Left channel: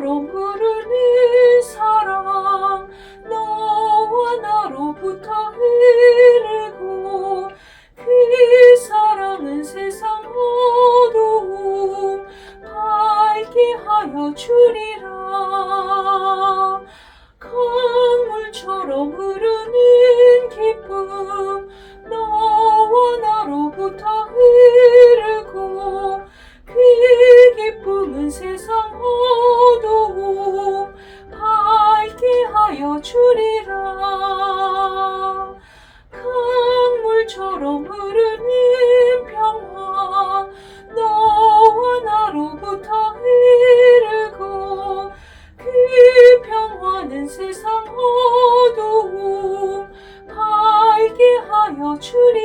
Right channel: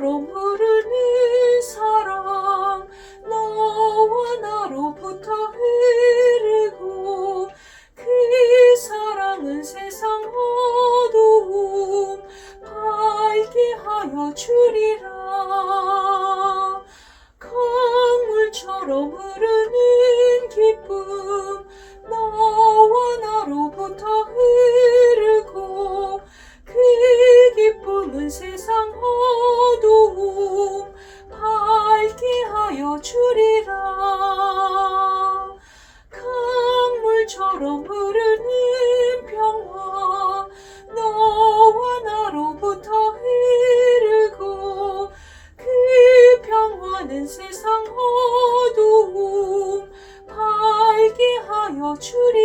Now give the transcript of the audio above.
강물처럼 흐르는 사랑 너와 나로부터 흐르고 그 사랑은 세상 어두움 밝게 하여 주리라. 강물처럼 흐르는 기쁨 너와 나로부터 흐르고 그 기쁨은 세상 어두움 하여 주리라. 강물처럼 흐르는 평화 너와 나로부터 흐르고 그 평화는 세상 어두움 밝게 하여 주리라